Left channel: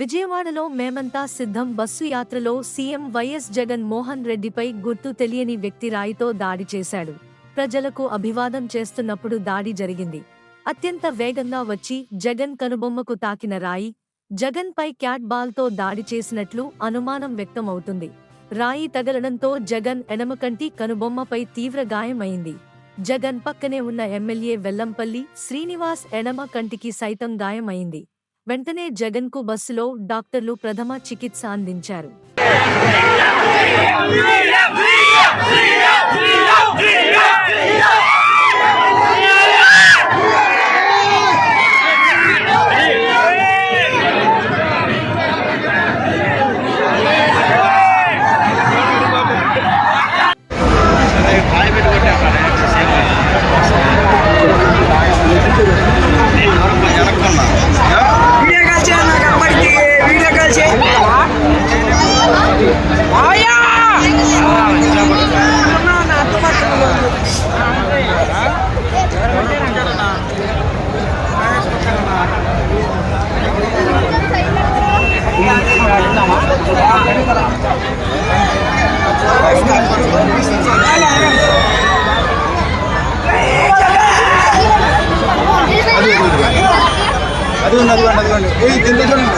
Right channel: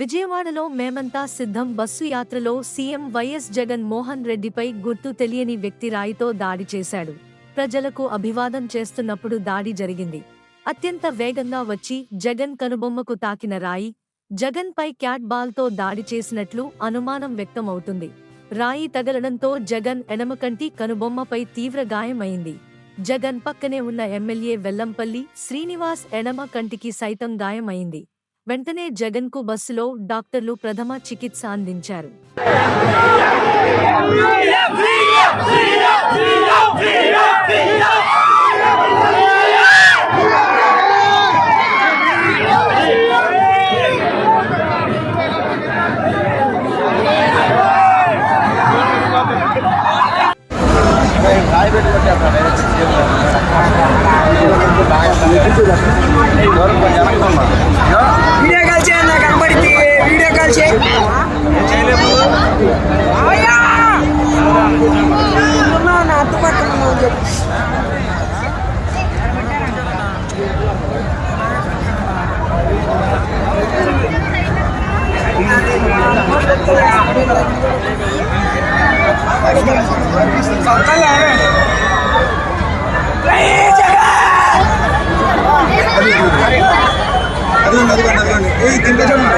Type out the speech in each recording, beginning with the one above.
విజయవాడలో మేమంతా సిద్ధం బస్సు యాత్రలో సీఎం వైఎస్ జగన్ మోహన్ రెడ్డిపై గుర్తు తెలియని వ్యక్తి రాయితో దాడి చేశాడు. ప్రజలకు అభివాదం చేస్తున్నప్పుడు దాడి జరిగింది. అత్యంత వేగంగా వచ్చి జగన్ కనుబొమ్మకు తాకిన రాయి జగన్ పై క్యాట్ బాల్తో దాడి చేసినట్లు అనుమానం వ్యక్తమవుతుంది. రాయి తగలడంతో జగన్ ఎడమకంటి కనుబొమ్మపై తీవ్ర గాయమైంది. జగన్ పక్కనే ఉన్న ఎమ్మెల్యే వెల్లంపల్లి శ్రీనివాస్ ఎడమ కంటికి సైతం గాయమైంది. వెంటనే జగన్ కు బస్సులో డాక్టర్లు ప్రథమ చికిత్స అందించారు.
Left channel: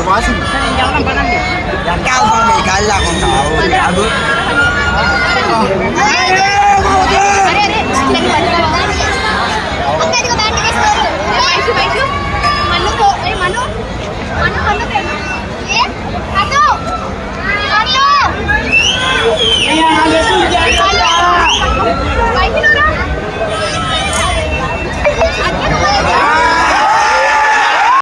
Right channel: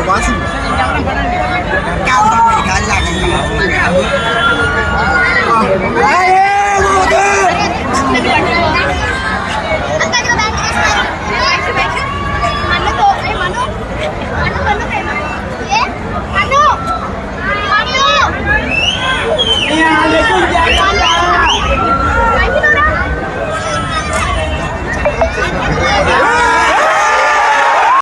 వాసు